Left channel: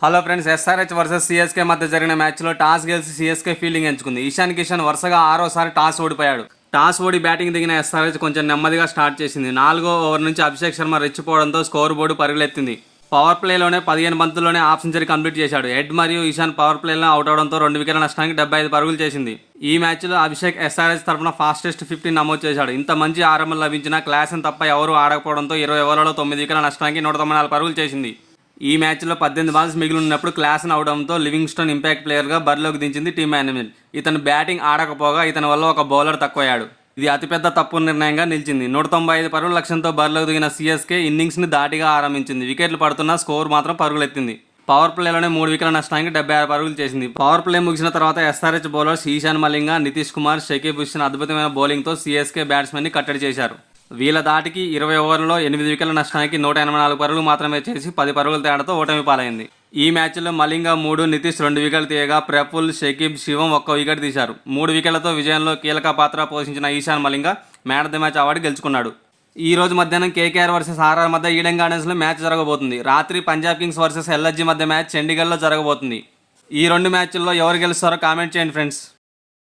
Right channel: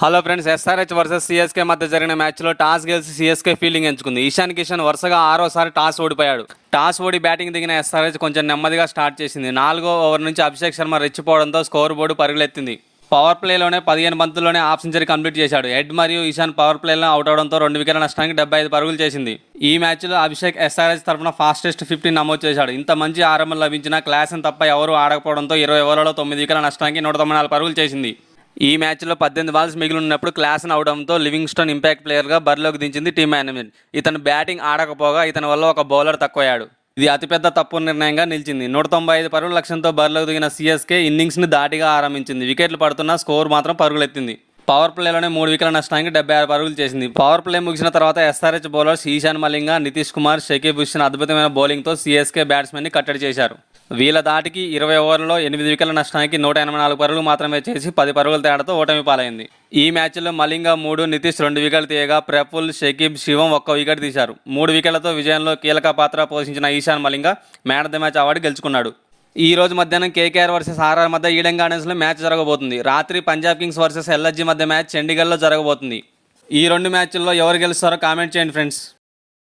Hello friends, SRH versus CSK మధ్య జరిగిన మ్యాచ్లో టాస్ గెలిచి సిఎస్కే ఫీల్డింగ్ ఎంచుకుంది. ఇషాన్ కిషన్ వరుసగా ఆరోసారి టాస్ ఓడిపోయాడు. టాస్ ఓడి బ్యాటింగ్ దిగిన ఎస్ఆర్హెచ్ కొంచెం నెమ్మదిగా స్టార్ట్ చేసింది. 4వ ఓవర్ నుంచి అభిషేక్ శర్మ రెచ్చిపోవడంతో స్కోర్ బోర్డు పరుగులెత్తింది. పవర్ ప్లేలోనే 15 బంతుల్లోనే హాఫ్ సెంచరీ కంప్లీట్ చేశాడు. హెడ్ మరియు ఇషాన్ పవర్ ప్లేలో అవుట్ అవడంతో 2 వికెట్ల నష్టానికి 75 పరుగులు చేసింది. ఈ మ్యాచ్లో అభిషేక్ ఎస్ఆర్హెచ్ తరఫున ఫాస్టెస్ట్ 50 నమోదు చేశాడు. ఇంత మంచి ఆరంభం లభించిన క్లాసన్ తప్ప ఎవరూ ఆడకపోవడంతో 20 ఓవర్లలో 9 వికెట్ల నష్టానికి 194 పరుగులు చేసింది. ఈ మ్యాచ్లో 18 బాల్స్ మిగిలి ఉన్నప్పుడు క్లాసన్ అవడంతో లివింగ్స్టన్ ఇంపాక్ట్ ప్లేయర్గా బరిలోకి దించింది టీమ్ మేనేజ్మెంట్. ఇతను బ్యాటింగ్ ఆడకపోగా ఇతని వల్ల ఒక బౌలర్ తక్కువయ్యాడు. ఇది అతిపెద్ద తప్పు నిర్ణయంగా నిలిచింది. 195 పరుగుల లక్ష్యంతో బరిలోకి దిగిన సిఎస్కే ఇన్నింగ్స్ని దాటిగా ఆరంభించింది. వికెట్లు పడుతున్న స్కోర్ మాత్రం పరుగులెత్తింది. పవర్ ప్లేలోనే 3 వికెట్ల నష్టానికి 76 పరుగులు చేసింది. పవర్ ప్లే ముగిసిన తర్వాత ఎస్ఆర్హెచ్ బౌలర్స్ ఈశాన్ మలింగ, నితీష్ కుమార్, షకీబ్ హుస్సేన్ అద్భుతమైన బౌలింగ్తో సిఎస్కే బ్యాట్స్మెన్ని కట్టడి చేశారు. వీళ్ళ దాటికి 20 ఓవర్లలో 8 వికెట్ల నష్టానికి 184 పరుగులు మాత్రమే చేసి 10 పరుగుల తేడాతో ఓటమి పాలైంది. ఈ మ్యాచ్లో మలింగ 3, నితీష్ 2 వికెట్లు తీయగా ప్రఫుల్, షకీబ్, శివం 1 వికెట్ తీశారు. 3 వికెట్లతో విజయంలో కీలక పాత్ర పోషించిన Ishan Malinga man of the match award గెలుచుకున్నాడు. ఈ రోజు మధ్యాహ్నం కేకేఆర్ వర్సెస్ ఆర్ఆర్ మధ్య ఈడెన్ గార్డెన్స్లో మ్యాచ్ జరగబోతుంది. రాత్రి పంజాబ్ కింగ్స్ వర్సెస్ ఎల్ఎస్జీ మధ్య మ్యాచ్ చండీగఢ్లో జరగబోతుంది. ఈ 2 మ్యాచ్ల్లో ఎవరు గెలుస్తారో కామెంట్ చేయండి ఫ్రెండ్స్.